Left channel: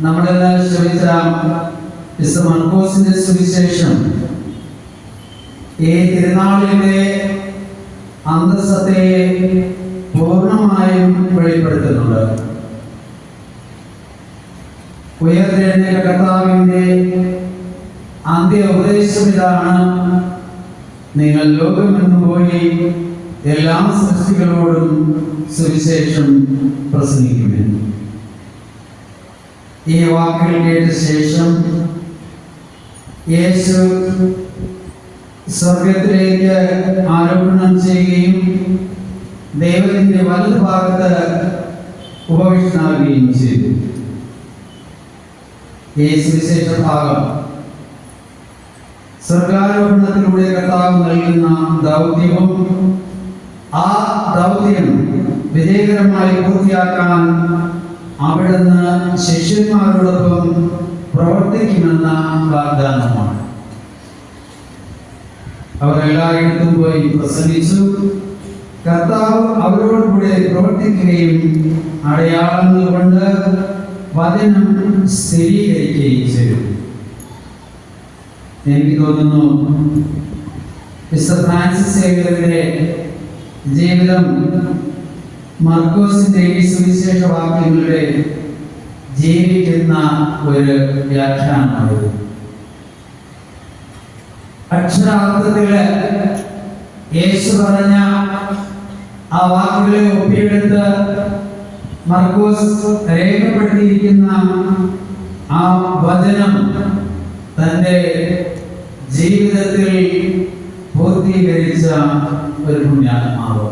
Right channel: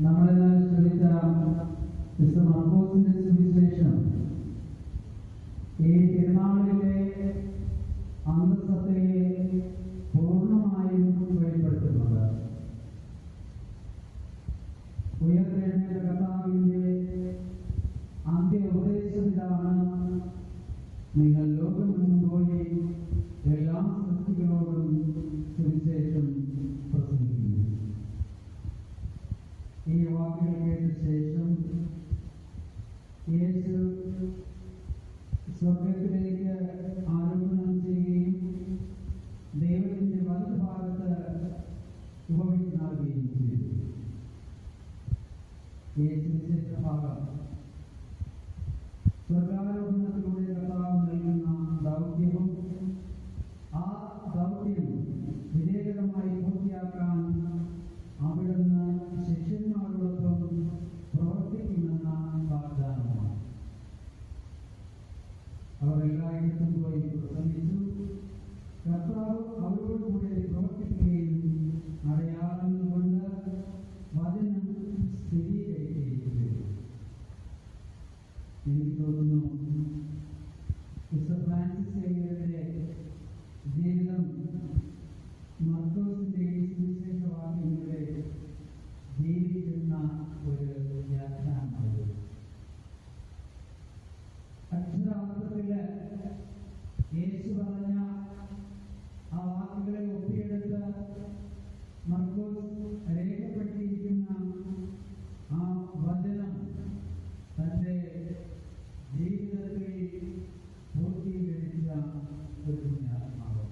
നമ്മളെല്ലാം ശ്രമിച്ച മിസ്റ്റർ മൺകോസിന്റെ സുവിശേഷം. ഈ തിരുനാളിന്റെ അന്തസ്സത്തെ പൂർണമായും വെളിപ്പെടുത്തുന്നുണ്ട്? ഉയർത്തെഴുന്നേറ്റ കർത്താവിന്റെ അന്ത്യ ഉപദേശം ഇതാണ്. നിങ്ങൾ ലോകമെന്ന് പോയി എല്ലാ സൃഷ്ടികളോടും സുവിശേഷം പ്രസംഗിക്കുമെന്ന് ഈ വാക്കുകൾ കേട്ട ശേഷം യേശു സ്വർഗത്തിലേക്ക് ആരോപണം ചെയ്യുകയും ദൈവത്തിന്റെ വലത് ഭാഗത്ത് ഉപവിഷ്ടനാവുകയും ചെയ്തു. ഈ സുവിശേഷ ഭാഗം. സ്വർഗാരോപണത്തിലൂടെ കർത്താവ് നൽകുന്ന ദൗത്യവും ആ ദൗത്യം വിജയകരമായി പൂർത്തിയാക്കാൻ അവിടുന്ന് ശിഷ്യന്മാരോടൊപ്പം പ്രവർത്തിക്കുമെന്ന വാഗ്ദാനമാണ്. അവർ എല്ലായിടത്തും പോയി പ്രസംഗിച്ചു. കർത്താവ് അവരോട് കൂടെ പ്രവർത്തിക്കുകയും അടയാളങ്ങൾ കൊണ്ട് വചനം സ്ഥിരീകരിക്കുകയും ചെയ്തു. എനിക്ക് തോന്നുന്നു മിസ്റ്റർ ഫ്രാൻസിസ് ജീവിതം മർക്കോസിന്റെ ഈ സുവിശേഷ വാക്യങ്ങളുടെ ജീവിക്കുന്ന ഒരു വ്യാഖ്യാനമാണിത്. അക്ഷരാർത്ഥത്തിൽ യേശു പറഞ്ഞ ആ വാക്കുകളെ ഒപ്പിയെടുത്ത് മർക്കോസ് രേഖപ്പെടുത്തിയിരിക്കുന്ന ആ വചനം തന്റെ ജീവിതത്തിൽ പൂർത്തീകരിച്ച ഒരു പുണ്യാത്മാവ്.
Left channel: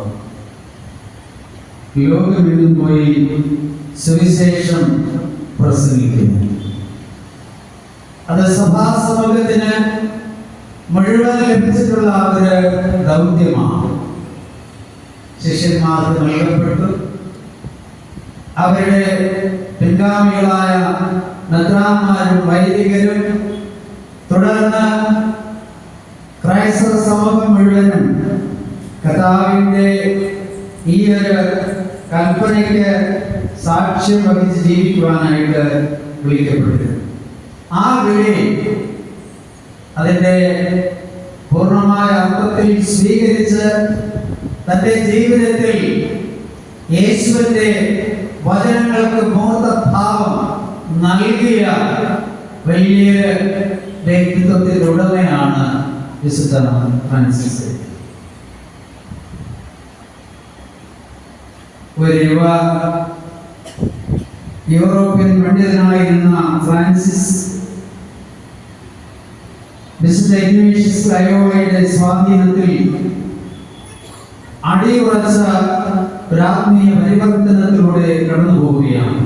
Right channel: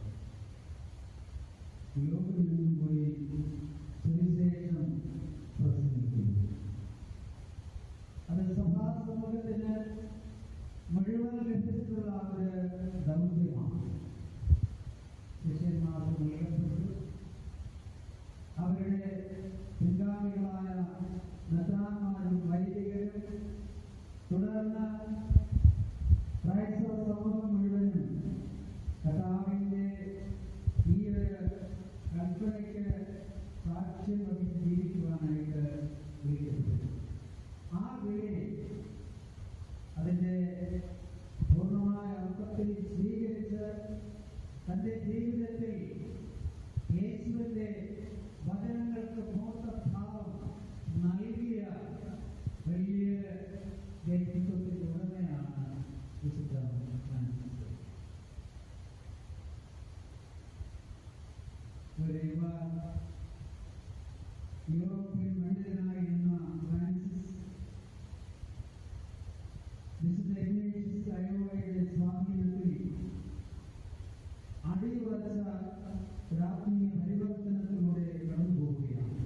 ലോകമെങ്ങും പോയി സുവിശേഷം പ്രസംഗിക്കുന്നു അത് സഭാസമൂഹത്തിന് മുഴുവൻ ലഭിച്ചിട്ടുള്ള ഒരു ദൗത്യമാണ്. ശിഷ്യന്മാർക്ക് നൽകപ്പെട്ടു. അവരുടെ പിൻഗാമികളായ നദ്രാന്മാരും വൈദികരും തുടർന്ന് ക്രൈസ്തവ സമൂഹം മുഴുവനും കഥാവിന്റെ ഈ ഒരു കൽപ്പനയ്ക്ക് സാക്ഷ്യം വഹിച്ച് ജീവിക്കുവാനായിട്ട് വിളിക്കപ്പെട്ടു ആ വിളി അതിന്റെ പൂർണമായ അർത്ഥത്തിൽ സ്വീകരിച്ച് തന്റെ ജീവിതത്തിൽ യേശുവിന്റെ വചനങ്ങൾക്ക് മൂർത്തഭാവം നൽകിയ വലിയ വ്യക്തിത്വത്തിന്റെ ഉടമയാണ് വിശുദ്ധ ഫ്രാൻസിസ്. ഒരു യുവ യൂറോപ്യൻ പണ്ഡിതനായിരുന്ന ഫ്രാൻസിസ് വിശുദ്ധ സ്വാധീനത്തിൽ അടിയുറച്ച ഒരു ആത്മീയ പരിവർത്തനത്തിലൂടെ കടന്നു പോവുകയാണ്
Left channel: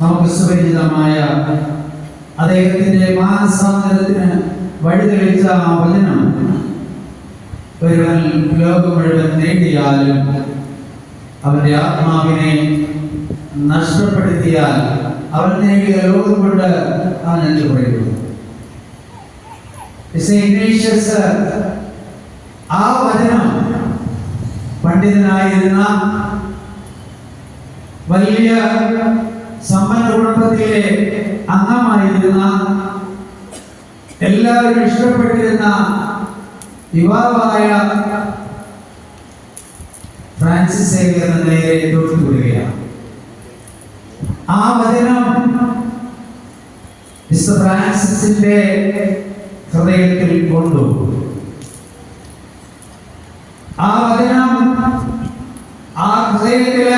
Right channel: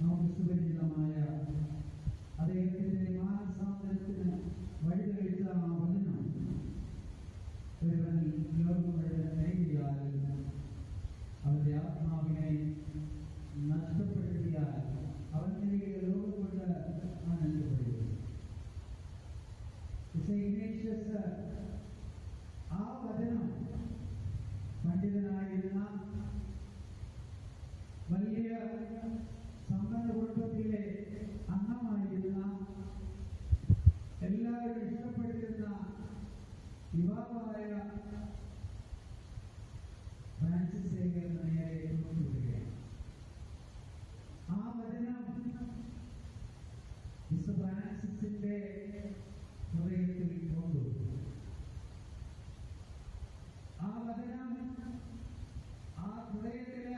നമുക്ക് സുപരിചിതമായ അദ്ദേഹത്തിന്റെ മാനസാന്തരത്തിന് വഴിതെളിച്ച ആ വചനം. ഒരുവൻ ലോകം മുഴുവൻ നേടിയാലും അവന്റെ ആത്മാവിനെ നഷ്ടപ്പെടുത്തിയാൽ അവൻ നേടിയ ലോകം കൊണ്ട് അവൻ എന്ത് പറയുന്നു? ആ വചനം പണ്ഡിതനായിരുന്ന വലിയ സമ്പന്ന കുടുംബത്തിലെ അംഗമായിരുന്ന എല്ലാവരും ഇഷ്ടപ്പെട്ടിരുന്ന യുവാവായ ഫ്രാൻസിസ് സേവിയറിന് നേരെ തൊട്ടുവിടുകയാണ് ആ വചനം മിസ്റ്റർ ഫ്രാൻസിസിന്റെ ഹൃദയത്തിൽ കൊണ്ടു. ആ വചനം ആ ഹൃദയത്തിൽ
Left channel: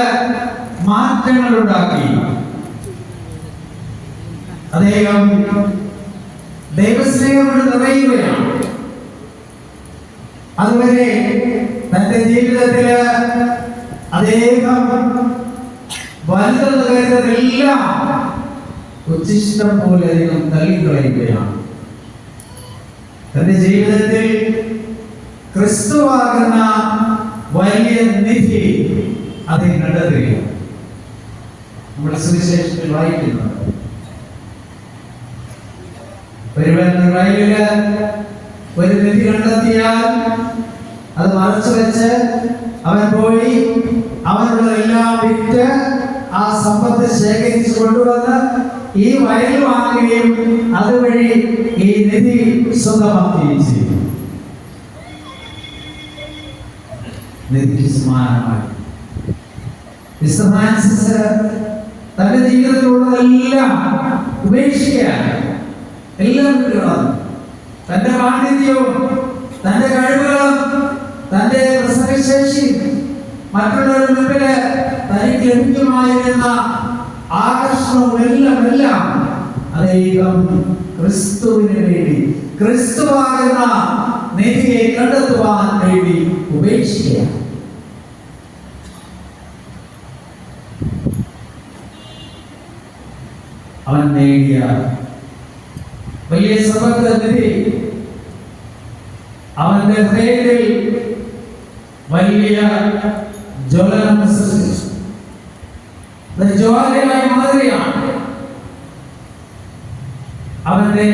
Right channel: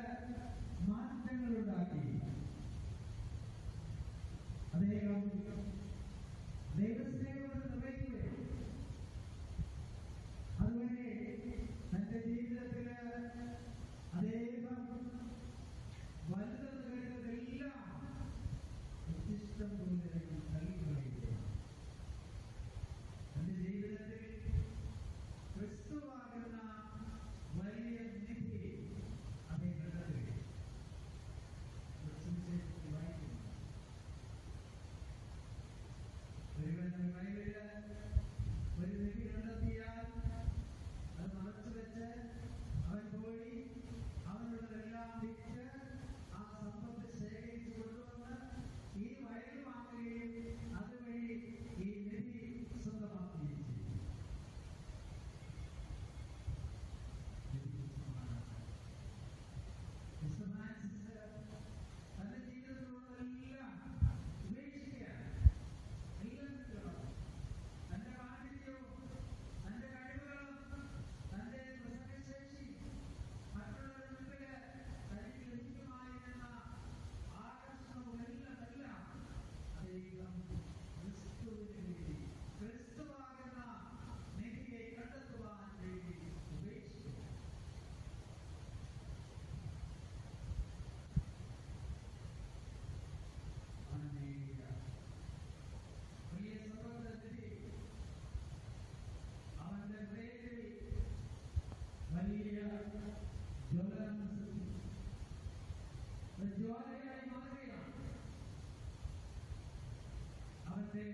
മാറ്റങ്ങൾ ഉണ്ടാക്കി അദ്ദേഹം ദൈവസ്നേഹം നിറയുകയാണ്. അതുവരെ തന്റെ ജീവിതത്തിൽ അദ്ദേഹം വലുതെന്ന് കരുതുന്നതെല്ലാം ഉച്ചിഷ്ടം പോലെ അദ്ദേഹം തള്ളിക്കളയുകയാണ്. തന്റെ ജീവിതത്തിൽ ക്രിസ്തുവാകുന്ന വലിയ നിധി അത് കണ്ടെത്തുകയാണ്. നമ്മുടെ സുവിശേഷത്തിൽ വായിക്കുന്നത് ഒരുവൻ ഒരു വിധി കണ്ടെത്തിയാൽ അത് മറച്ചു വെച്ച് അവൻ പോയി അവനുള്ള എല്ലാം വിറ്റ് ആ സമ്പത്ത് ശേഖരിച്ചു കൊണ്ടുവന്ന് ഈ വയൽ വാങ്ങുകയും അതുവഴി ഈ നിധി സ്വന്തമാക്കുകയും ചെയ്യും തന്റെ ജീവിതത്തിലുള്ളതെല്ലാം ഉപേക്ഷിക്കാൻ എല്ലാം വിട്ടുകളഞ്ഞു. തന്റെ പാണ്ഡിത്യവും തന്റെ കഴിവുകളും തന്റെ പ്രസംഗശേഷി മറ്റുള്ളവരുടെ മുമ്പിൽ തനിക്ക് ലഭിക്കുമായിരുന്ന ആകർഷണവും എല്ലാം എല്ലാം അദ്ദേഹം ക്രിസ്തുവിന് വേണ്ടി ക്രിസ്തുവാകുന്ന നിധിയെ കണ്ടെത്തുവാൻ വേണ്ടി ഉപേക്ഷിക്കുക അവൻ നേടിയ വലിയ സമ്പത്ത് നിധി അവന്റെ ഹൃദയത്തിൽ വലിയ ജ്വലനം സൃഷ്ടിച്ചു. അത് ജ്വാലയായി മാറുകയാണ് അവന്റെ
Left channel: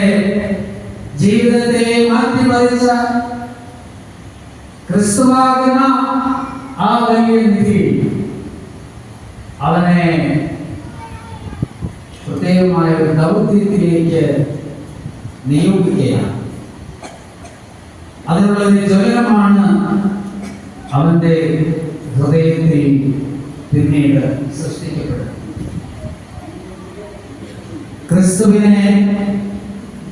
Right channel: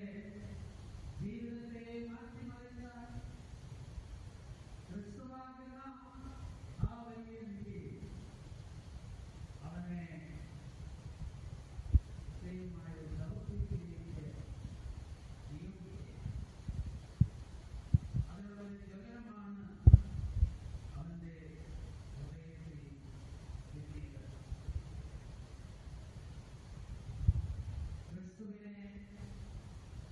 ജീവിതത്തെ മാറ്റിമറിച്ച ക്രിസ്തുവാകുന്ന ആ വലിയ നിധി അവനെ പ്രത്യേകമായ ഒരു ദൗത്യത്തിലേക്ക് നിയോഗിക്കുകയാണ്. അതിനുള്ള ഒരു ജ്വലനമാണ് അവന്റെ ഹൃദയത്തിൽ പിന്നീട് സൃഷ്ടിക്കപ്പെടുന്നത്. ക്രിസ്തുവിനെ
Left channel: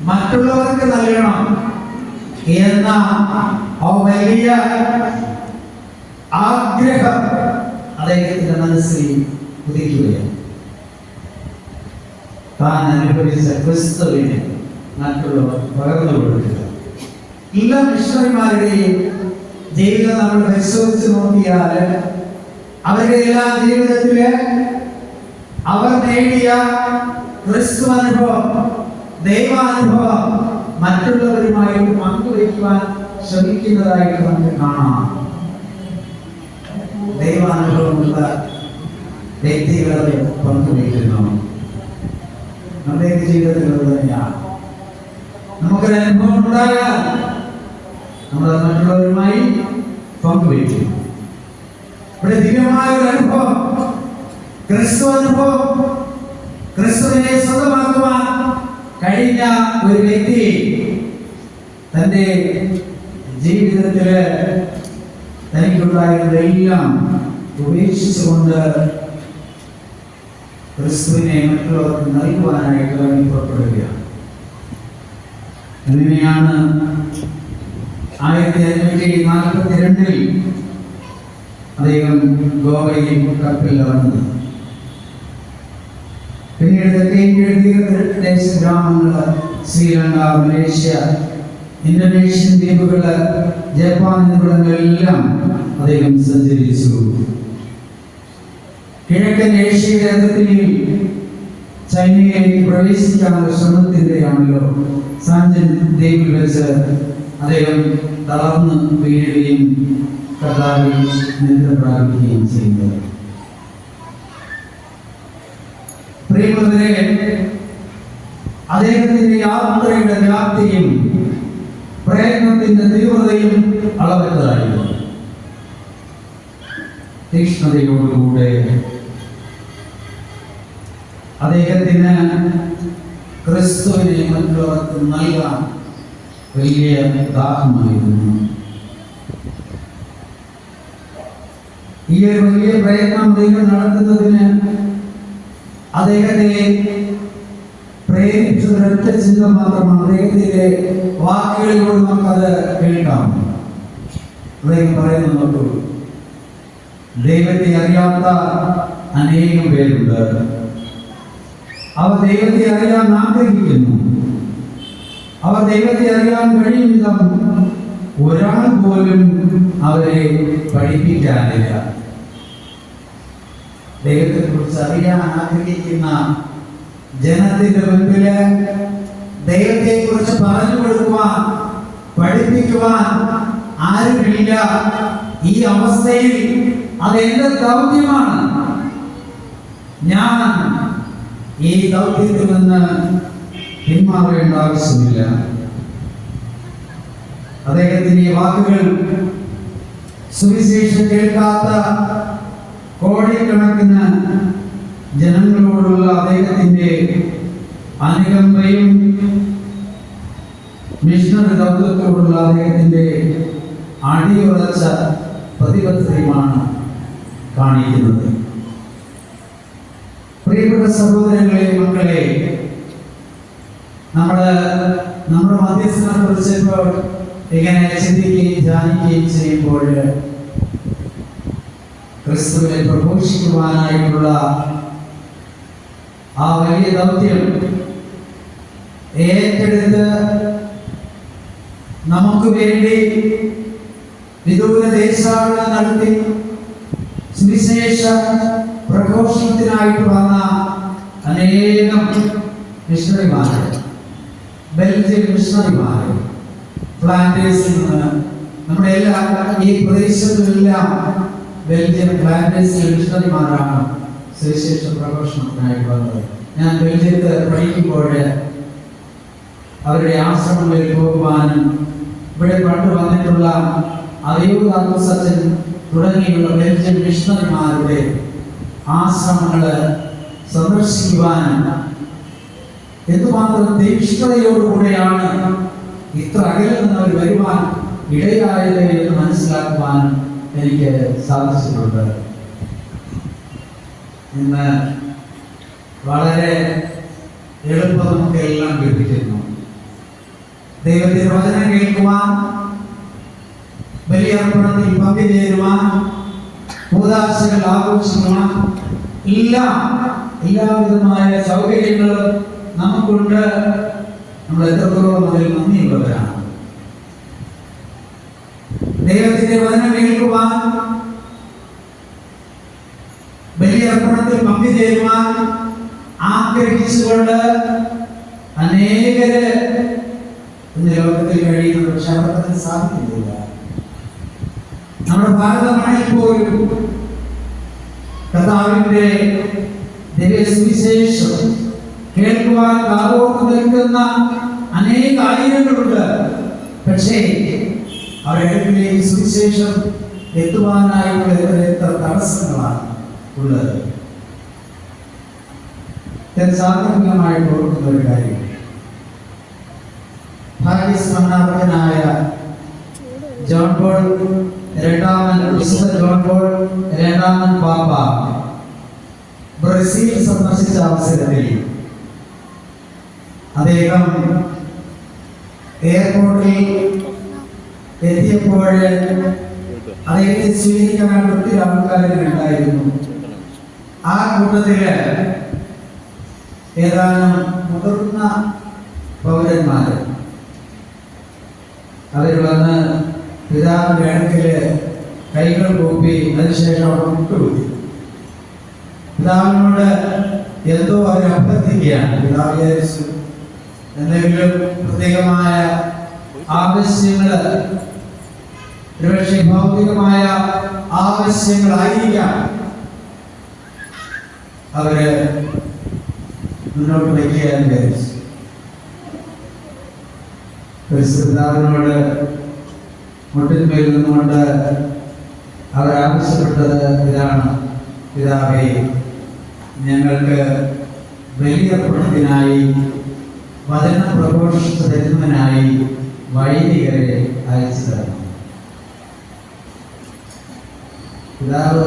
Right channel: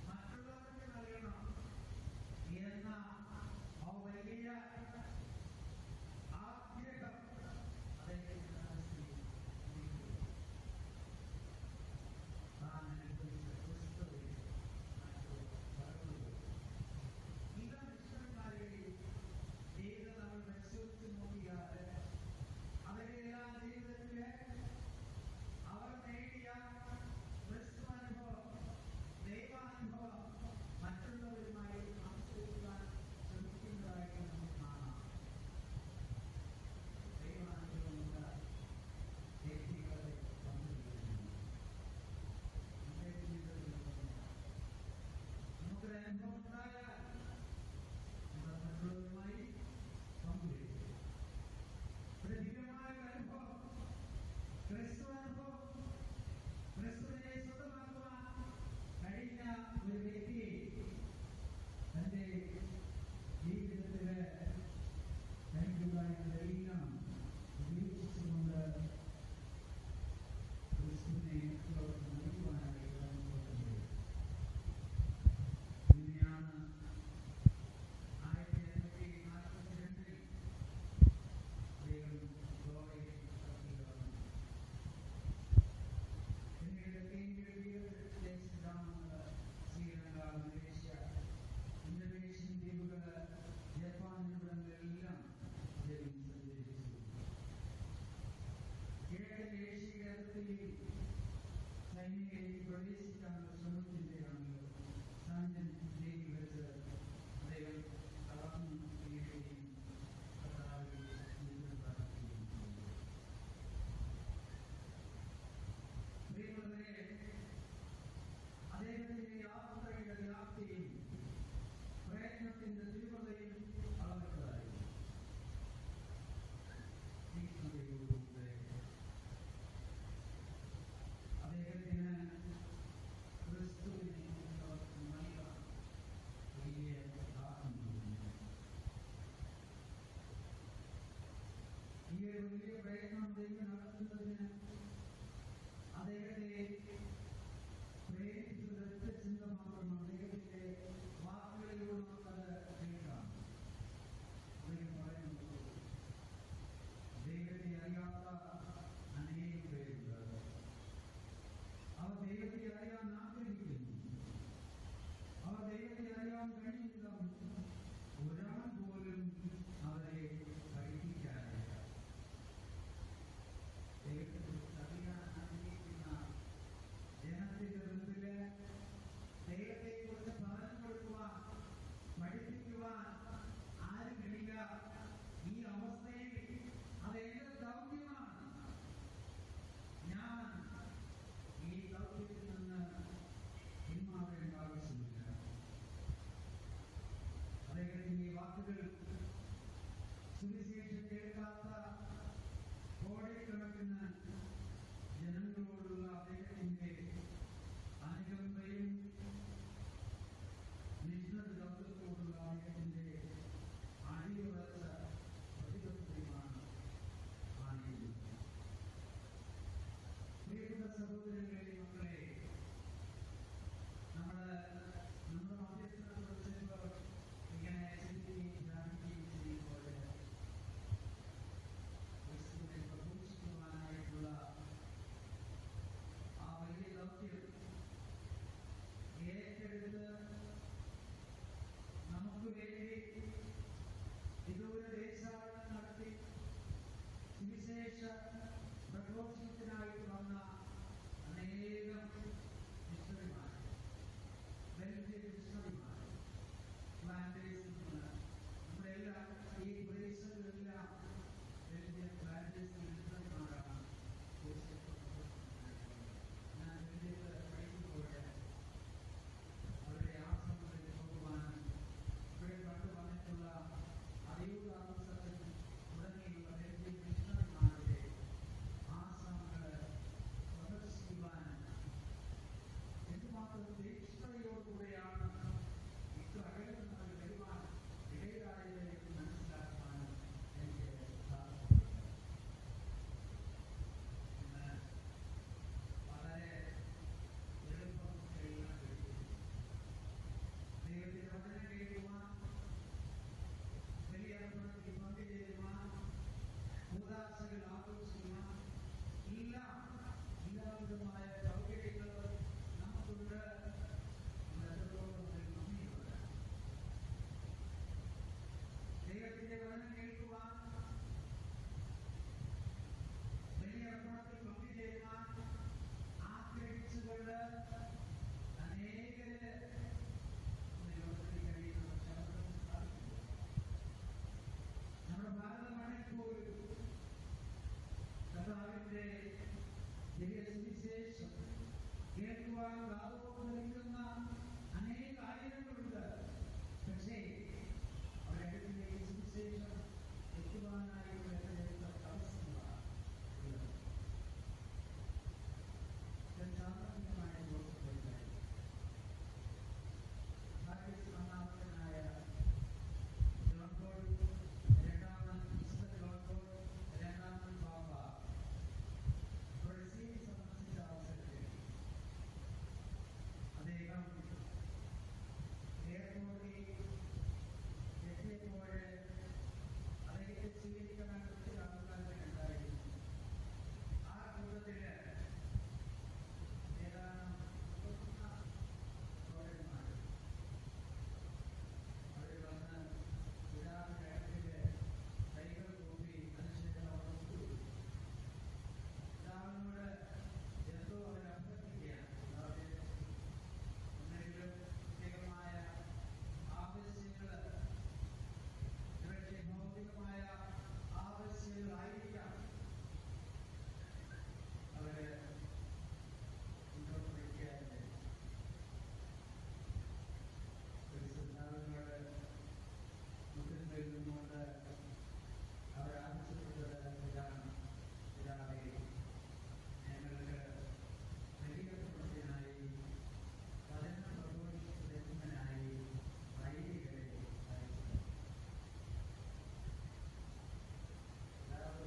മറ്റുള്ളവർക്ക് നൽകണം എന്ന ആ വലിയ ആഗ്രഹം അദ്ദേഹത്തിന്റെ മനസ്സിൽ ഉദിക്കുകയാണ്. താൻ അനുഭവിച്ച ക്രിസ്തുവിനെ മറ്റുള്ളവർ പകർന്നു കൊടുക്കുക എല്ലാ മിഷണറിമാരുടെയും ജീവിതം നമ്മൾ പരിശോധിച്ച് നോക്കിയാൽ അവരുടെ എല്ലാ ജീവിതത്തിൽ അവർ നേടിയ ക്രിസ്തു അനുഭവം ദൈവാനുഭവം മറ്റുള്ളവരുമായിട്ട് പങ്കുവയ്ക്കുവാൻ ശ്രമിക്കുന്നതായിട്ട് നമുക്ക് കാണാം. ദൈവാനുഭവമുള്ള വ്യക്തികളെ പങ്കുവയ്ക്കുന്നു. നമ്മുടെ ജീവിതത്തിലുള്ളത് തന്നെയാണ്. നമുക്കൊരു അനുഭവം ഉണ്ടായാൽ നമ്മൾ മറ്റുള്ളവരുമായി പങ്കുവയ്ക്കും ഇവിടെ ദിവ്യമായ ഒരു അനുഭവം ക്രിസ്തു അനുഭവം ക്രിസ്തുവിനെ സ്വന്തമാക്കുവാൻ കഴിഞ്ഞ ഒരു വ്യക്തി തന്റെ ജീവിതത്തിൽ തനിക്കുണ്ടായിരുന്നതെല്ലാം ഉപേക്ഷിച്ചുകൊണ്ട് ക്രിസ്തുവിനെ മറ്റുള്ളവർക്ക് നൽകുവാനായിട്ട് പുറപ്പെടുകയാണ്. അങ്ങനെയാണ് ആയിരത്തി അഞ്ഞൂറ്റി നാൽപ്പത്തി രണ്ടിൽ അദ്ദേഹം ഗോവയിൽ കപ്പലിൽ വന്നത്. പിന്നീട് തെക്കേ തീരദേശ ഗ്രാമങ്ങൾ ശ്രീലങ്ക മലേഷ്യ ഇന്തോനേഷ്യൻ ദ്വീപുകൾ ജപ്പാൻ എന്നിവിടങ്ങളിലെല്ലാം അദ്ദേഹം സഞ്ചരിച്ചു. കിഴക്കൻ ഏഷ്യയുടെ അതിർത്തിയിൽ ചൈനയിലേക്ക് പ്രവേശിക്കാനുള്ള ശ്രമത്തിന്റെയാണല്ലോ സാഞ്ചൻ ദ്വീപിൽ വെച്ച് അദ്ദേഹം തളർന്ന് വീഴുകയും കർത്താവിൽ നിദ്ര പ്രാപിക്കുകയും പ്രിയമുള്ളവരെ അദ്ദേഹത്തിന്റെ യാത്രയുടെ വ്യാപ്തിയും പ്രയത്നത്തിന്റെ തീവ്രതയും അളവറ്റതായിരുന്നു. തീക്ഷ്ണതയോടുകൂടെ അദ്ദേഹത്തിന് ക്രിസ്തുവിനെ മറ്റുള്ളവർക്ക് നൽകാൻ വലിയ ദാഹമായിരുന്നു. ഈ ഒരു വലിയ പ്രയത്നം അദ്ദേഹം നടത്തുന്നതിന് അദ്ദേഹത്തെ പ്രേരിപ്പിച്ചത് ഒരൊറ്റ ചിന്ത മാത്രമാണ്. അദ്ദേഹത്തിന്റെ വാക്കുകളിലൂടെ നമുക്കത് കേൾക്കാം. അദ്ദേഹം പറയുന്നുണ്ടോ ദൈവത്തെ അറിയാത്ത അനേകം പേരുണ്ട്. അവർ ദൈവത്തെ അറിയാൻ ആഗ്രഹിക്കുന്നു. അവർ ദൈവത്തെ അറിയാൻ കഴിയും ഒരാൾ പോലും അവരെ പഠിപ്പിക്കാനില്ല ദൈവത്തെ കുറിച്ച് അറിയാൻ ആഗ്രഹിക്കുന്ന ജനത്തിന്റെ മുൻപിൽ ദൈവത്തെ കുറിച്ച് പറഞ്ഞു കൊടുക്കുവാൻ പഠിപ്പിക്കുവാൻ ആരുമില്ല. ഈ അവസ്ഥയിൽ അത് എന്റെ ദൗത്യമാണ്? ഞാൻ ഈ ദൗത്യത്തിൽ നിന്ന് പിന്മാറേണ്ട ആവശ്യമില്ല. അദ്ദേഹത്തിന്റെ വാക്കുകൾ സുവിശേഷം കേൾക്കാത്ത കോടിക്കണക്കിന് ജനങ്ങളോടുള്ള അദ്ദേഹത്തിന്റെ അനുകമ്പയും മിഷണറി ദൗത്യത്തോടുള്ള അദ്ദേഹത്തിന്റെ അടിയുറച്ച പ്രതിബദ്ധതയുമാണ് കാണിക്കുന്നത്. പ്രിയപ്പെട്ട സഹോദരങ്ങളെ മക്കളെ നമ്മൾ നമ്മുടെ മധ്യസ്ഥനെ കുറിച്ച് ഇപ്പോൾ ഇങ്ങനെ ചിന്തിക്കുകയും ധ്യാനിക്കുകയും ചെയ്യുമ്പോൾ ക്രിസ്തുവിനെ പ്രഘോഷിക്കുവാനായിട്ടുള്ള ആ വലിയ ദൗത്യം ഏറ്റെടുത്ത് നമുക്ക് വേണ്ടി വിദൂര ദേശാടനം നടത്തി സുവിശേഷ പ്രഘോഷണത്തിനായിട്ട് വന്ന അനേകം മിഷണറിമാരെ ബെൽജിയം മിഷണറിമാർ പ്ലാന്റേഴ്സിൽ നിന്ന് നമ്മുടെ എല്ലാ ഈ പ്രദേശങ്ങളിലെല്ലാം ബെൽജിയം പ്ലാന്റേഴ്സിലെ മിഷണറിമാരാണ് സുവിശേഷ പ്രഘോഷണത്തിനായിട്ട് വന്നത്. ഞാൻ ബെൽജിയത്ത് പഠിക്കുമ്പോൾ അവരുടെ ആശ്രമങ്ങളിൽ പോകുവാനും ഇവിടെ പണ്ട് വന്നിട്ടുള്ള അയ്യൂർ സച്ചൻ തുടങ്ങിയുള്ള ബെൽജിയം മിഷണറിമാരുടെ ആശ്രമങ്ങൾ സന്ദർശിക്കുവാൻ എന്തുമാത്രം തീക്ഷ്ണതയോടുകൂടെയാണ് ഇത്ര അകലിൽ നിന്ന് അവർ വരുവാൻ ഇടയായത് എന്ന് മനസ്സിലാക്കുവാൻ എനിക്ക് സാധിച്ചിട്ടുണ്ട്. ഇന്ന് വളരെ എളുപ്പം നമുക്ക് എല്ലാം ലഭിക്കുന്നു. ദൈവത്തിന്റെ വചനം കേൾക്കുവാൻ ബലിയർപ്പണത്തിൽ പങ്കുചേരുവാൻ കൂതാശകൾ ആഘോഷിക്കണം. എല്ലാം എല്ലാവിധമായ സൗകര്യങ്ങളും നമുക്കുണ്ട്. നമ്മൾ എത്രത്തോളം അതിൽ നന്ദിയുള്ളവരാണ്. ദൈവത്തിന്റെ വചനം കേൾക്കുവാൻ ബലിയർപ്പണത്തിൽ പങ്കുചേരുവാൻ ആഗ്രഹിച്ചുകൊണ്ട് അനേകര് ഇന്ന് ലോകത്തിൽ കഴിയുന്നുണ്ട് പക്ഷെ അവർക്കതിന് സാധിക്കുന്നില്ല. നമ്മുടെ ഭാരതമായി പോലും കർത്താവിന്റെ ദിവ്യസുവിശേഷം കേൾക്കുവാൻ കാതോർത്ത് നിൽക്കുന്ന അനേക ആയിരങ്ങളുണ്ട്. പക്ഷേ അവരുടെ സുവിശേഷം എത്തുവാനായുള്ള എത്ര തടസ്സങ്ങളാണ് ഉള്ളത്. സാധാരണമായി ഓർക്കുന്ന ഒരു കാര്യം. ഭാഗ്യസ്മരണാർഹനായ ജോൺ പോൾ രണ്ടാമൻ വിശുദ്ധ ജോൺ രണ്ടാമൻ പാപ്പ. ബ്രസീൽ സന്ദർശിച്ച അവസരത്തിൽ അദ്ദേഹം എയർപോർട്ടിൽ എത്തിയപ്പോൾ അദ്ദേഹത്തെ സ്വീകരിക്കാൻ ഒത്തിരി ആൾക്കാരുണ്ടായിരുന്നു ആ കൂട്ടത്തിൽ ഏതാനും മുതിർന്ന പൗരന്മാർ അവർ വന്ന് പിതാവിന്റെ അടുക്കൽ കൈകൾ കൂപ്പി അതിനുശേഷം മുട്ടുകൂടി പിതാവിനോട് എന്തോ അവർ അഭ്യർത്ഥിക്കുകയാണ്. പിതാവ് വിചാരിച്ചു എന്തെങ്കിലും പ്രത്യേകമായ ആവശ്യങ്ങൾ ഒരുപക്ഷെ ഭൗതികമായ ആവശ്യങ്ങളായിരിക്കാം. അവർ മുന്നോട്ട് വയ്ക്കുകയാണ് വിചാരിച്ചു. പരിശുദ്ധാവിനോട് മുട്ടിന്മേൽ നിന്നുകൊണ്ട് അവർ ആവശ്യപ്പെട്ടത് ഇതാണ്. പിതാവേ ഞങ്ങൾക്ക് വലിയ പ്രശ്നത്തിനായി വചന പ്രഘോഷിച്ച് തരുന്നതിനായി വൈദികരെ അയച്ചു തരണം പിതാവ്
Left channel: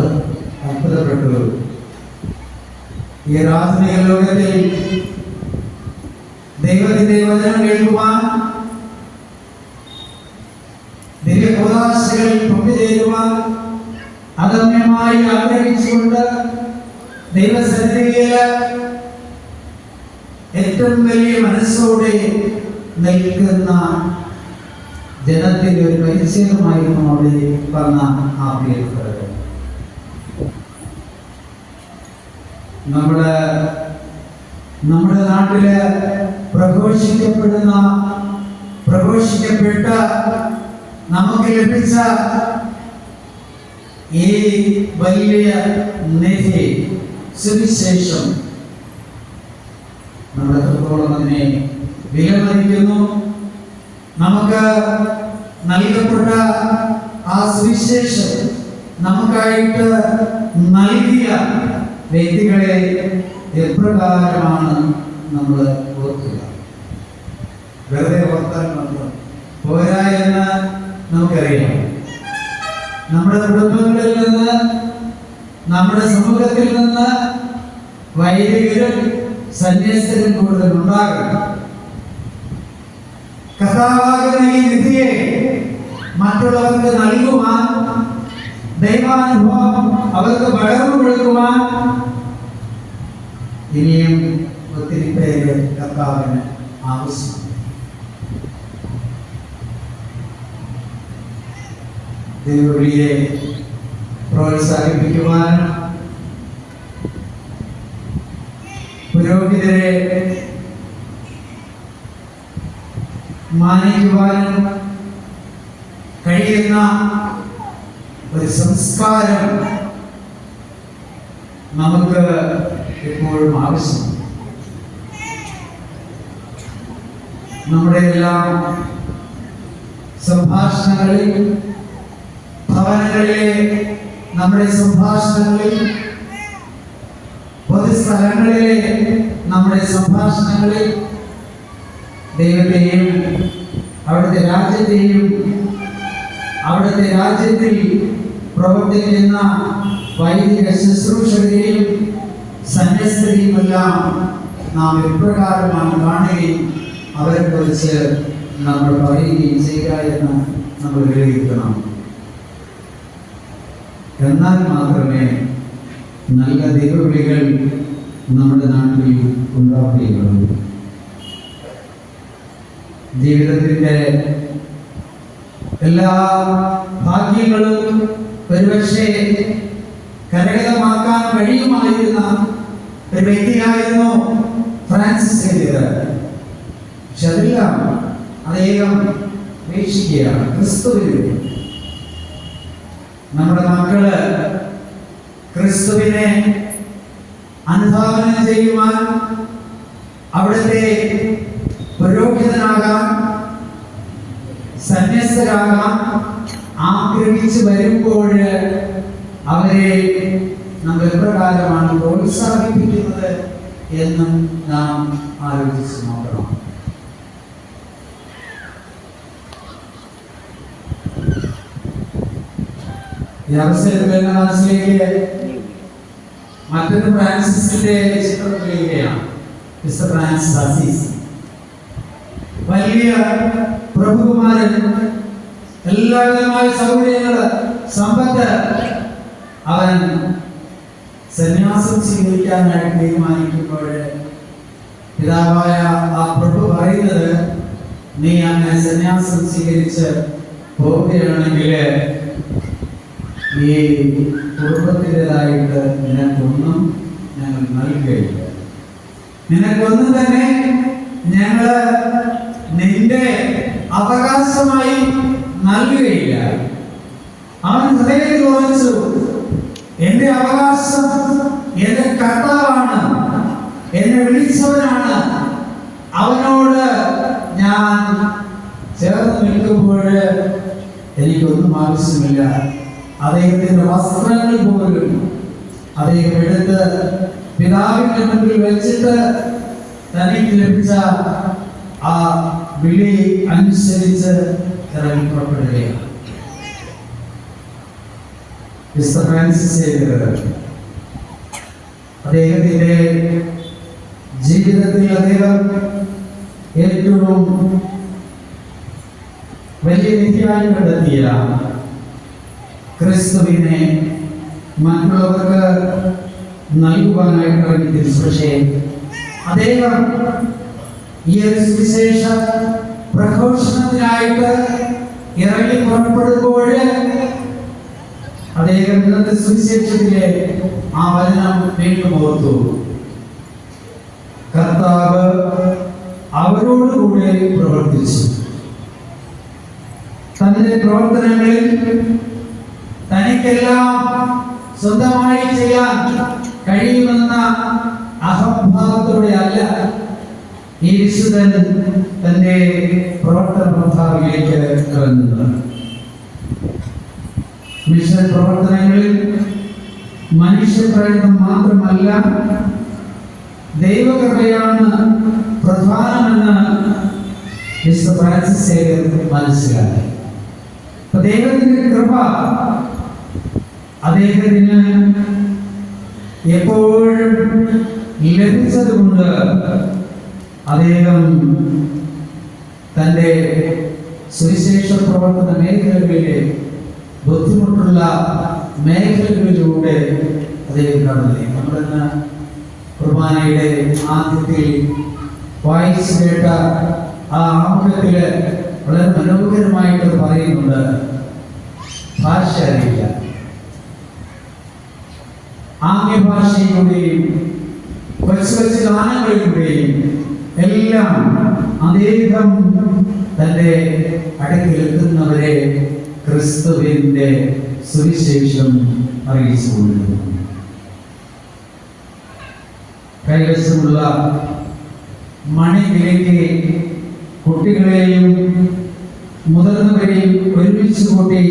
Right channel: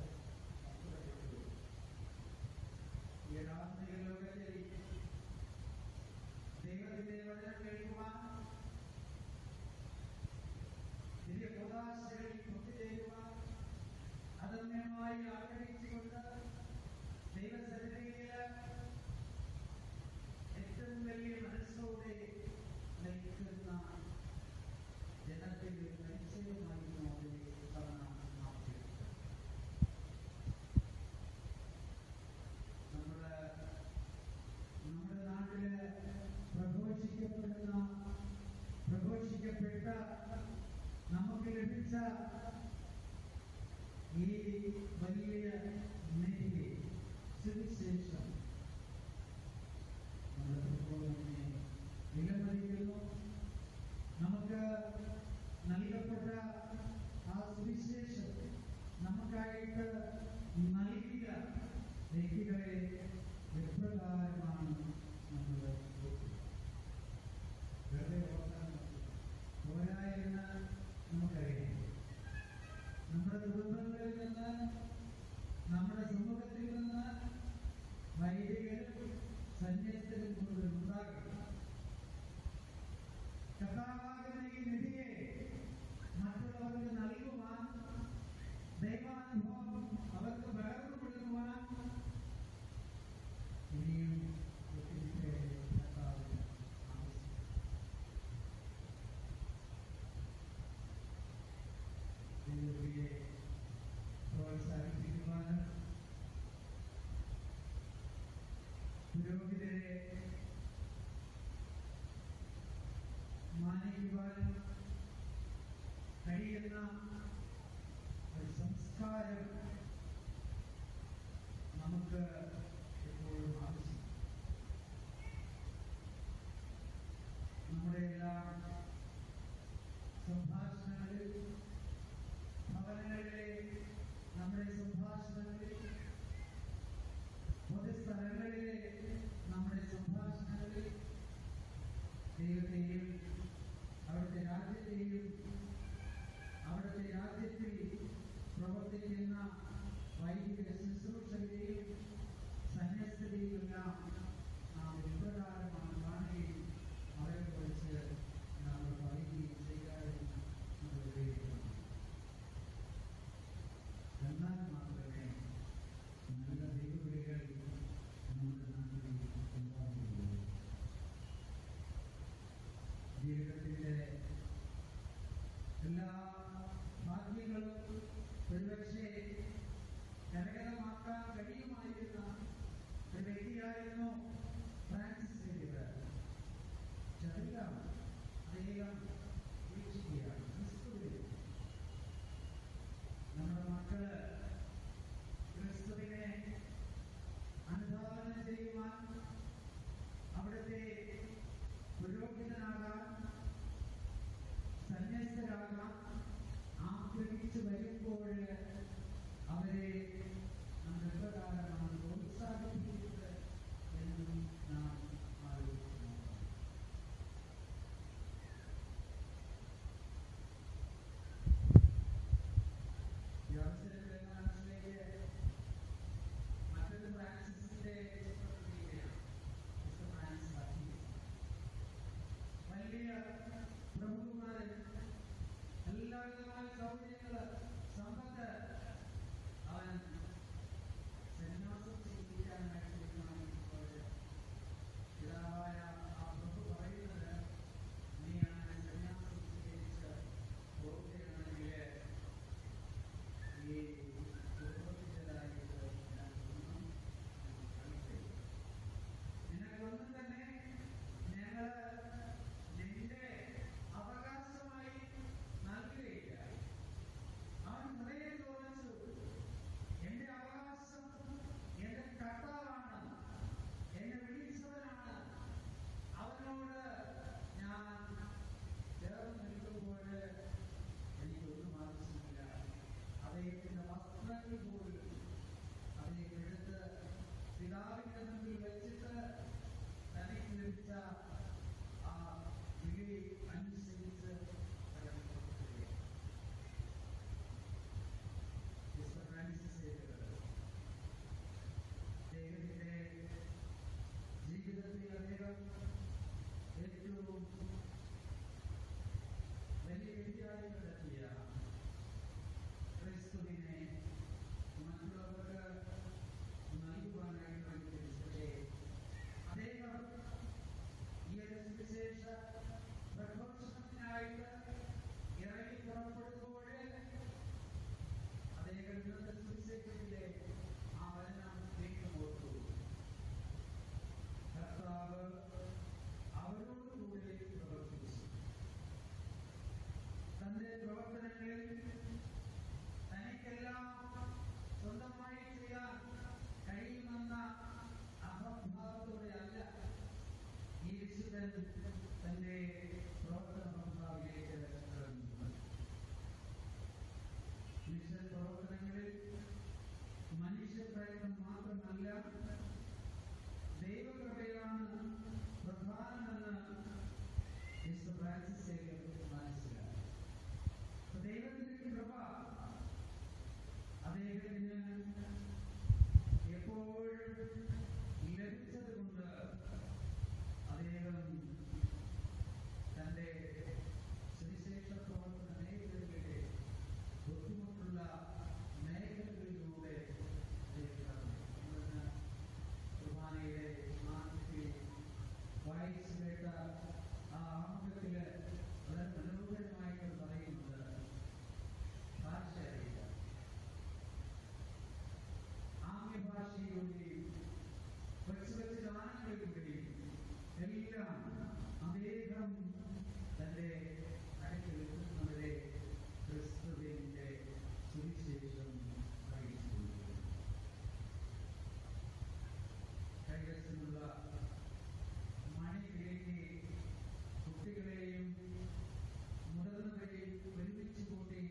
അത്ഭുതപ്പെട്ടു. ഈ രാസനിക ലോകത്തിൽ ദൈവത്തിന്റെ വചനം കേൾക്കുവാൻ ദിവ്യപ്രകാശകളിൽ പങ്കുചേരുവാൻ അദമ്യമായി ആഗ്രഹിച്ചുകൊണ്ട് ദൈവസന്നിധിയിൽ ഏറ്റവും വലിയ മനസ്സോടെ നിൽക്കുന്ന ജനത്തിന്റെ ഒരു പരിചയമായിരുന്നു അവിടെ വന്ന ആ പ്രിയപ്പെട്ടവര് നമ്മുടെ നമ്മുടെ നാട്ടിൽ പ്രഘോഷിക്കപ്പെടുന്ന പ്രഘോഷിക്കപ്പെട്ട നമുക്ക് ലഭിച്ച ഈ വലിയ നിധി സുവിശേഷം നമ്മൾ എത്രത്തോളം അതിനെ വിലമതിക്കുന്നു. നമുക്ക് നൽകപ്പെട്ട ആ സുവിശേഷം നമുക്കായിട്ട് നൽകിയ വ്യക്തികളെ എപ്രകാരമാണ് നമ്മൾ ഓർക്കുക. വെറുതെ ഓർത്താൽ മാത്രം പോരാ. നമുക്കറിയാം. നമ്മുടെ കുടുംബങ്ങളിൽ നിന്ന് നമ്മുടെ സമൂഹത്തിൽ നിന്ന് വൈദികരും സന്യസ്തരും കൂടുതൽ ഉണ്ടാകും കഥാവാകുന്ന ഈ നിധിയെ മറ്റുള്ളവർക്ക് നൽകുവാൻ ദൈവാനുഭവം അവർക്ക് പകർന്നു കൊടുക്കുവാൻ ഇനിയും ഒത്തിരി പേര് കർത്താവിന് ആവശ്യമാണ് ദൈവവിളിയെ പ്രോത്സാഹിപ്പിക്കുവാൻ പുരോഹിതരെ മാനിക്കുവാനും കഴിയുന്ന ഒരു സംസ്കാരം നമുക്ക് എപ്പോഴും ആവശ്യമാണ്. നമ്മുടെ എല്ലാം സംഭാഷണങ്ങളിൽ ഭവനങ്ങളിലെ നമ്മുടെ സംഭാഷണങ്ങളിൽ പൊതുസ്ഥലങ്ങളിലെ നമ്മുടെ സംഭാഷണങ്ങളിൽ ദൈവത്തെയും അവിടുത്തെ രാജ്യത്തെയും അവിടുത്തെ രാജ്യത്തിൽ പ്രവർത്തിക്കുന്ന വൈദിക ശുശ്രൂഷകരെയും സന്യസ്തരെയും എല്ലാം നാം എപ്രകാരമാണ് കാണുകയും അവരെ കുറിച്ച് നമ്മൾ പറയുകയും ചെയ്യുക എന്ന് നമ്മൾ വിലയിരുത്തണം. എന്നാൽ മാത്രമേ നല്ല ദൈവവിളികൾ നമ്മുടെ നാട്ടിൽ ഉണ്ടാവുകയുള്ളൂ. ജീവിതത്തിന്റെ എല്ലാ ഭാഗ്യങ്ങളും ഒരുപക്ഷെ കരകതമാക്കാൻ കഴിയുമായിരുന്ന ഒരു വ്യക്തിയായിരുന്നു ഫ്രാൻസിസ് സേവിയർ പക്ഷെ അതെല്ലാം അദ്ദേഹം വീക്ഷിക്കുകയാണ് ക്രിസ്തുവിൽ നമ്മുടെ മക്കൾ ക്രിസ്തുവിനെ അനുധാവനം ചെയ്യുവാൻ അവിടുത്തെ പുരോഹിതനാകാൻ സന്യസ്തരാകാൻ ആഗ്രഹിച്ചു വരുമ്പോൾ അവരെ നമ്മൾ എപ്രകാരമാണ് പ്രോത്സാഹിപ്പിക്കുന്നത് എന്നും നാം ആലോചിച്ച് നോക്കണം. ഈ അവസരത്തിൽ മറ്റൊരു ഫ്രാൻസിസിന്റെ ചിത്രം വരികയാണ് മിസ്റ്റർ ഫ്രാൻസിസ് അസീസ്. വലിയ പ്രഭുകുമാരൻ എല്ലാവിധമായ സൗകര്യങ്ങൾ സമ്പത്ത് അവൻ സന്യാസം സ്വീകരിക്കാനായിട്ട് തീരുമാനിക്കുമ്പോൾ പിതാവായ ആ പ്രഭു പറയുന്നത് നീ അങ്ങനെ സന്യാസം സ്വീകരിച്ച് പോവുകയാണെങ്കിൽ ഈ കുടുംബത്തിന്റെതായിട്ട് നിനക്കൊന്നും ഞങ്ങൾ നൽകുകയില്ല നിനക്കൊന്നും തന്നെ ഞങ്ങൾ നിന്റെ അവകാശമായി നൽകുകയില്ല. അവൻ ഹൃദയത്തിൽ ഉറച്ചു എന്റെ അവകാശം എന്റെ കർത്താവാണ് എന്നെ വിളിച്ചവനാണ്. അവനോട് ഞാൻ ചേർന്ന് നിൽക്കുമ്പോൾ എനിക്കൊന്നും ആവശ്യമില്ല. അദ്ദേഹത്തിന്റെ വസ്ത്രങ്ങൾ പോലും അദ്ദേഹം എടുത്ത് പിതാവിന്റെ മുമ്പിൽ വെച്ചിട്ട് തനിക്ക് ലഭിച്ച ആ വിളി അനുസരിച്ച് ഇറങ്ങി പുറപ്പെടുകയാണ് അദ്ദേഹത്തിന്റെ ജീവിതത്തിൽ അദ്ദേഹം ഏറ്റവും വലിയ നിധിയായി കണ്ടെത്തിയ ക്രിസ്തുവിനെ മറ്റുള്ളവർക്ക് നൽകുവാനായിട്ട് ഇറങ്ങി തിരിച്ചു പക്ഷേ അദ്ദേഹം ഈ ഒരു സുവിശേഷ പ്രഘോഷണത്തിനായിട്ട് ഇറങ്ങി പുറപ്പെടുമ്പോൾ അദ്ദേഹം ഇന്നത്തെ സുവിശേഷത്തിലെ ആ വചനം വീണ്ടും ഓർത്തു. കർത്താവ് അവരോടുകൂടെ പ്രവർത്തിച്ചു. തന്റെ പ്രവർത്തനങ്ങളിൽ തനിക്കെല്ലാം സ്വന്തമായി ചെയ്യാൻ കഴിയുമെന്ന അഹംഭാവത്തോടെ അല്ല ഈ വിശുദ്ധൻ തന്റെ പ്രവർത്തന പ്രഭാവിലേക്ക് ഇറങ്ങുന്നത് മിഷൻ പ്രവർത്തനങ്ങളിൽ മനുഷ്യപ്രയത്നം മാത്രമല്ല ദൈവകൃപയാണ് പ്രധാനമെന്ന് മിസ്റ്റർ ഫ്രാൻസിസ് സേവ്യർ മനസ്സിലാക്കി ദൈവത്തിന്റെ കൃപ അദ്ദേഹത്തിന് എപ്പോഴും ലഭിച്ചതുകൊണ്ട് അദ്ദേഹം തന്റെ സുവിശേഷ പ്രവർത്തന മേഖലകളിലെ ബുദ്ധിമുട്ടുള്ള മേഖലകളിലൂടെ അദ്ദേഹം കാണുന്നില്ലേ നമ്മളിന്ന് കുർബാനയുടെ ആദ്യത്തിൽ വായിച്ചു കേട്ട ആ ആമുഖത്തിൽ വളരെ മനോഹരമായിട്ട് പറയുന്നുണ്ട്. ഭാഷ അറിയില്ല ആംഗ്യഭാഷയിലൂടെയും കൊച്ചു കൊച്ചു ഗാനങ്ങളിലൂടെയും എല്ലാം അദ്ദേഹം തന്റെ അടക്കിലെത്തുന്നവരെ ക്രിസ്തുവിന്റെ സുവിശേഷം അറിയിച്ചു കൊണ്ടിരുന്നു കൈവശമുള്ള മണിവിലേക്ക് കുട്ടികളെയും മുതിർന്നവരെയും ഒരുമിച്ച് കൂട്ടി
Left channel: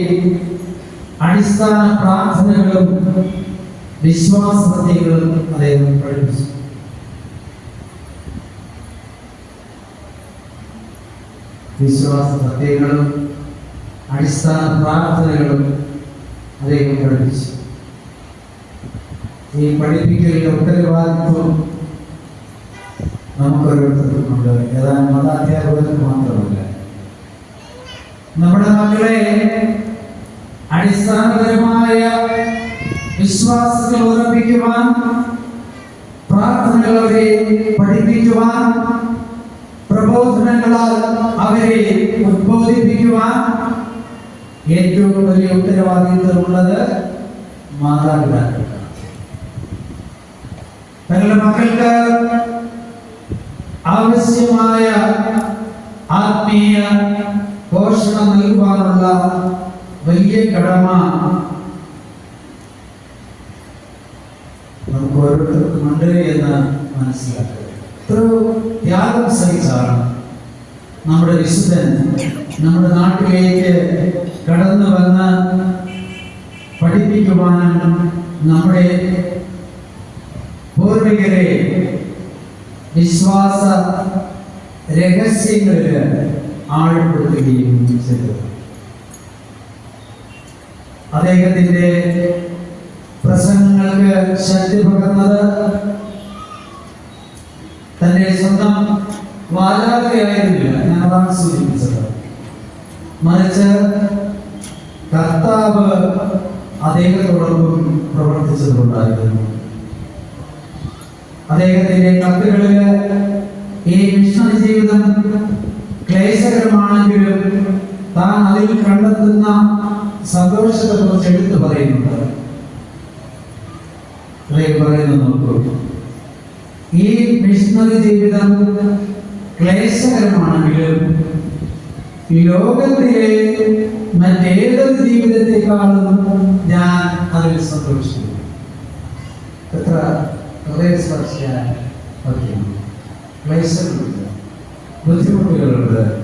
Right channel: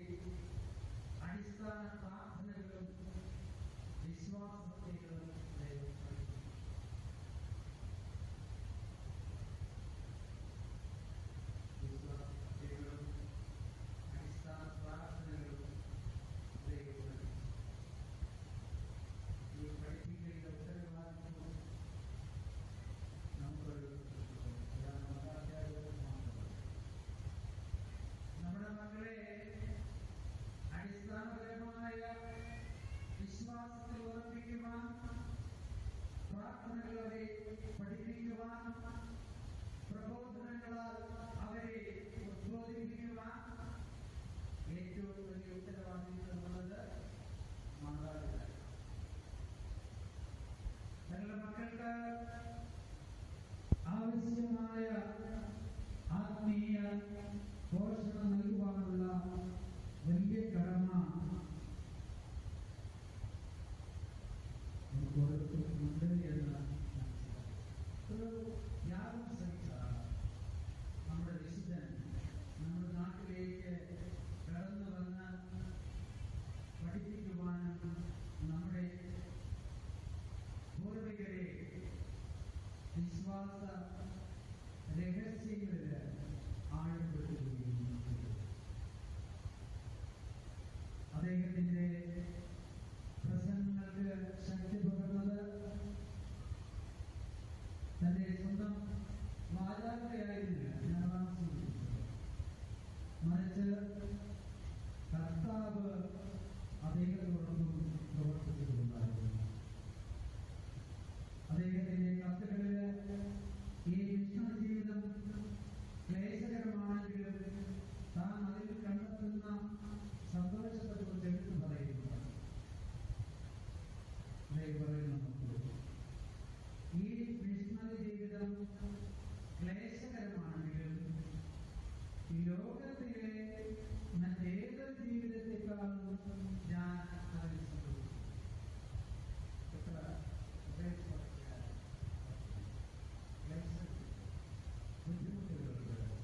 അടിസ്ഥാന പ്രാർത്ഥനകളും വിശ്വാസത്തെകളും അദ്ദേഹം വിശ്വാസ സത്യങ്ങളും അടിസ്ഥാന പ്രാർത്ഥനകളും അദ്ദേഹം പഠിപ്പിച്ചു. ഈ പഠിപ്പിക്കലിന്റെ ഉത്തരവാദിത്വം നമുക്കൊരോരുത്തർക്കുമുണ്ട് ഏതാനും മതാധ്യാപകർക്ക് മാത്രമല്ല. നമ്മുടെ മക്കളെ അടിസ്ഥാനപരമായ വിശ്വാസത്തിൽ ഉറപ്പിക്കുവാൻ പ്രാർത്ഥനകൾ അവരെ പഠിപ്പിക്കുവാൻ പ്രബോധനങ്ങളാൽ അവരെ ഉദ്ബോധിപ്പിക്കുവാൻ ഏറ്റവും വലിയ ഉത്തരവാദിത്വമുള്ളത് മാതാപിതാക്കൾക്കാണ് തങ്ങളുടെ മക്കൾക്ക് ആവശ്യമായ ആത്മീയ പോഷണം നൽകുവാനുള്ള വലിയ കടമ നമുക്ക് ഓരോരുത്തർക്കും ഉണ്ട് എന്ന് മനസ്സിലാക്കുക. ത്യാഗം സഹിച്ചാണ് നമ്മുടെ വിശുദ്ധൻ നമ്മുടെ നാട്ടിലേക്ക് കടന്നു വന്ന് പഠിപ്പിക്കുവാനും നമ്മുടെ പൂർവികരെ വിശ്വാസ രഹസ്യങ്ങളിൽ ആഴപ്പെടുത്തുകയും ചെയ്തു. അദ്ദേഹത്തിന്റെ പ്രസംഗങ്ങൾക്ക് ശക്തി പകർന്നത് തന്റെ സ്വന്തം വാലാകയായിരുന്നില്ല ഞാൻ സൂചിപ്പിച്ചത്. മറിച്ച് കർത്താവ് അദ്ദേഹത്തോടൊപ്പം പ്രവർത്തിച്ചതുകൊണ്ടായിരുന്നു. അദ്ദേഹത്തിന്റെ കത്തുകളിൽ ഈ മിഷണറി ജീവിതം ക്ലേശകരമാണെങ്കിലും താൻ അതിൽ കണ്ടെത്തുന്ന സന്തോഷത്തെ കുറിച്ച് എടുത്തു പറയുന്നുണ്ട്. അദ്ദേഹം പറയുന്നു നോക്കൂ ഈ മിഷണറി ജീവിതം ക്ലേശകരമാണെങ്കിലും ലോകത്തിലെ മറ്റേതൊരു ജീവിതത്തെക്കാളും ഞാൻ അതിൽ സന്തോഷിക്കുന്നു. എത്ര ഹൃദയസ്പർശിയായ ക്ലേശങ്ങളുണ്ട്. ബുദ്ധിമുട്ടുകളുണ്ട്.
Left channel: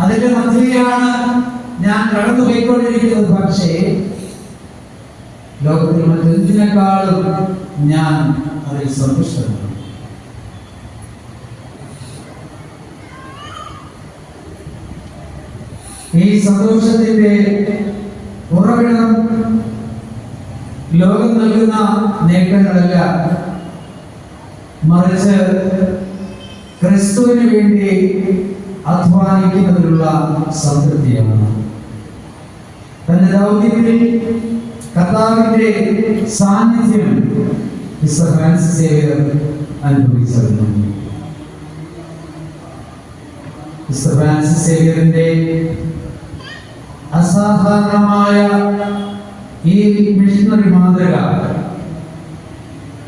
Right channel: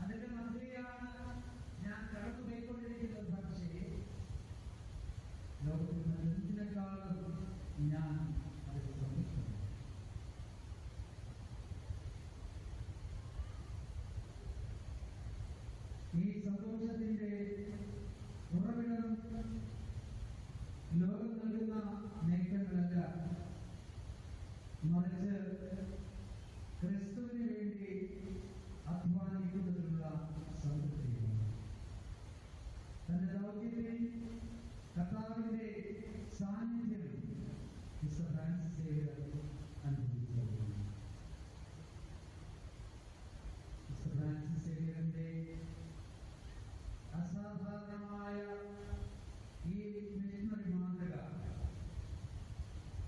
അതിന്റെ മധ്യയാണ് ഞാൻ കടന്നു പോയിക്കൊണ്ടിരിക്കുന്നത് പക്ഷേ ലോകത്തിൽ മറ്റെന്തിനേക്കാളും ഞാൻ അതിൽ സന്തുഷ്ടനാണ്. ഈ സന്തോഷത്തിന്റെ ഉറവിടം ലോകം നൽകുന്ന നേട്ടങ്ങളല്ല മറിച്ച് ക്രിസ്തുവിന് വേണ്ടി അധ്വാനിക്കുന്നതിലുള്ള സംതൃപ്തിയാണ്. തന്റെ ദൗത്യത്തിൽ കർത്താവിന്റെ സാന്നിധ്യം മിസ്റ്റർ ഫ്രാൻസിസ് സേവിയർ അനുഭവിച്ചിരുന്നു മിസ്റ്റർ ഫ്രാൻസിസ് സേവിയറിന്റെ അസാധാരണമായ ഈ മിഷണറി മാതൃക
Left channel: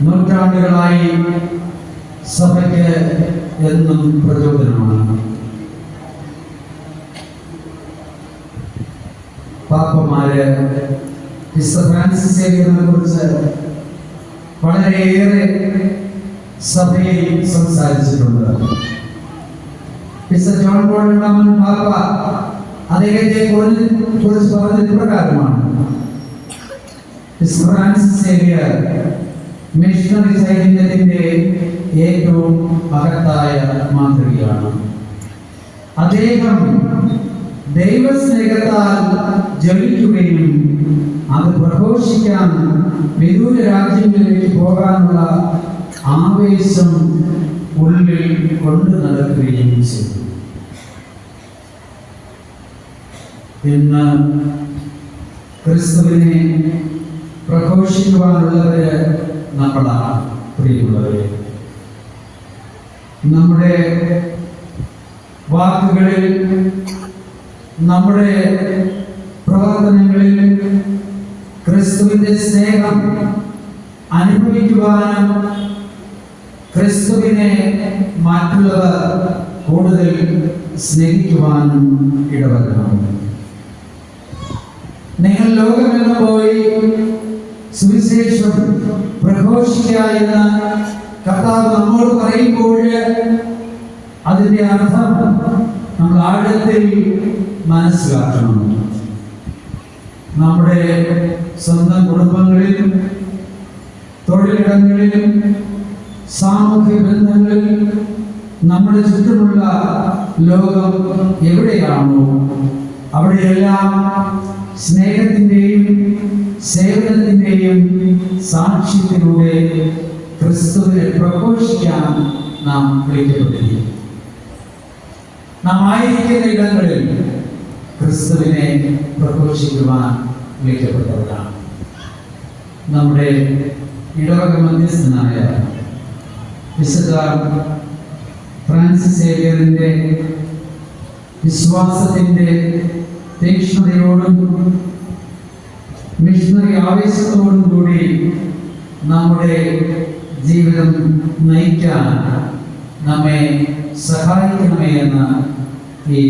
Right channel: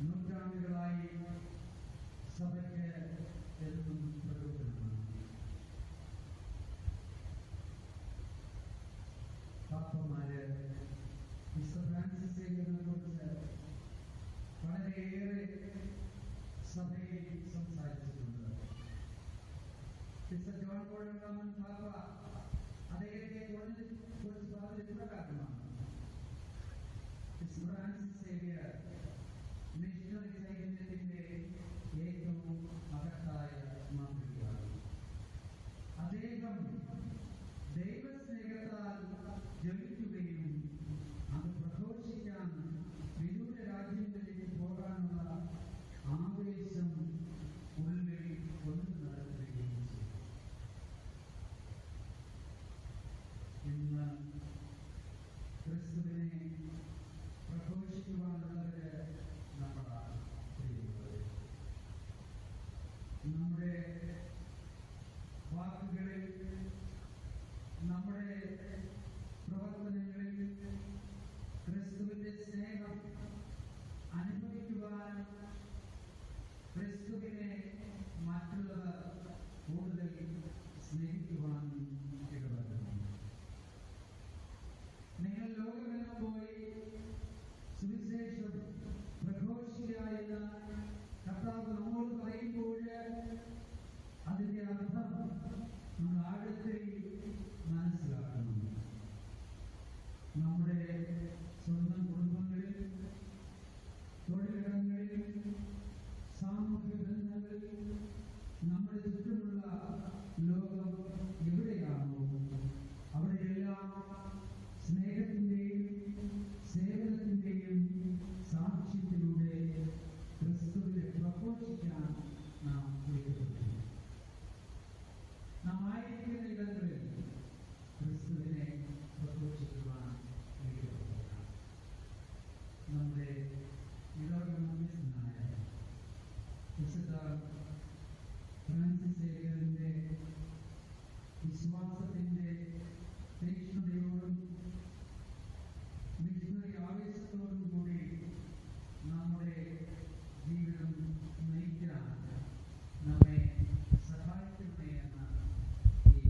നൂറ്റാണ്ടുകളായി സഭയ്ക്ക് എന്നും പ്രചോദനമാണ്. പാപ്പമാര് മിസ്റ്റർ ഫ്രാൻസിസ് സേവിയറിനെ കുറിച്ച് വളരെയേറെ സഭയിൽ സംസാരിച്ചിട്ടുണ്ട്. മിസ്റ്റർ ജോൺ പോൾ രണ്ടാമൻ പാപ്പ അദ്ദേഹത്തെ കുറിച്ച് കുറിച്ച് പറഞ്ഞത് ഇപ്രകാരമാണ് മിസ് ഫ്രാൻസിസ് സേവിയർ മിഷണറി ചൈതന്യത്തിന്റെ ഏറ്റവും മഹത്തായ മാതൃകയാണ്. അദ്ദേഹം ദൈവസ്നേഹത്താൽ ജ്വലിക്കുകയും അത് പ്രഘോഷിക്കാൻ വിദൂര രാജ്യങ്ങളിലേക്ക് പോകാനുള്ള ആവേശം ഉള്ളിൽ കൊണ്ടു നടക്കുകയും ചെയ്തു. ഇന്ന് ക്രിസ്തുവിനെ പ്രഘോഷിക്കുവാനുള്ളവര് നമ്മളാണ് പ്രിയമുള്ളവരെ. നമ്മുടെ വാക്കുകളിൽ നമ്മുടെ സ്നേഹം അനുഭവിക്കുവാനും ക്രിസ്തുവിനെ മറ്റുള്ളവർ കൂടുതൽ സ്നേഹിക്കുവാനും ഇടവരണം നിങ്ങൾ ലോകമെന്ന് പോയി സുവിശേഷം പ്രഘോഷിക്കുക എന്ന് കർത്താവ് നമ്മോട് പറയുമ്പോൾ അതിന്റെ അർത്ഥം നമ്മൾ ആഴത്തിൽ മനസ്സിലാക്കണം. നമ്മുടെ സ്വന്തം കുടുംബങ്ങളിലും തൊഴിലിടങ്ങളിലും സാമൂഹ്യ ബന്ധങ്ങളിൽ നമ്മുടെ ചുറ്റുമുള്ള ലോകം എവിടെയാണോ അവിടെയെല്ലാം സ്നേഹത്തിന്റെയും സേവനത്തിന്റെയും സാക്ഷ്യത്തിലൂടെ ക്രിസ്തുവിനെ പ്രഘോഷിക്കാൻ നാം വിളിക്കപ്പെട്ടിരിക്കുന്നു. നാം ആയിരിക്കുന്ന ഇടങ്ങളിൽ ക്രിസ്തുവിനെ പ്രഘോഷിക്കുവാൻ വിളിക്കപ്പെട്ടവരാണ്. നമ്മുടെ ഇടവക മധ്യസ്ഥനായ വിശുദ്ധ ഫ്രാൻസിസ് സേവിയറിന്റെ വിശ്വാസത്തിന്റെ തീക്ഷ്ണതയോടും മിഷണറി ആവേശത്തോടും കൂടി നമ്മുടെ ജീവിതം നയിക്കാൻ നമ്മെ സഹായിക്കണമേ എന്ന് ഈ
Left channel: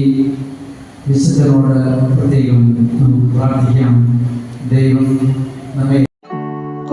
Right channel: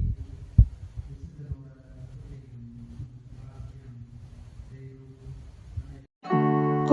വിശുദ്ധനോട് പ്രത്യേകം നമുക്ക് പ്രാർത്ഥിക്കാം. ദൈവം നമ്മെ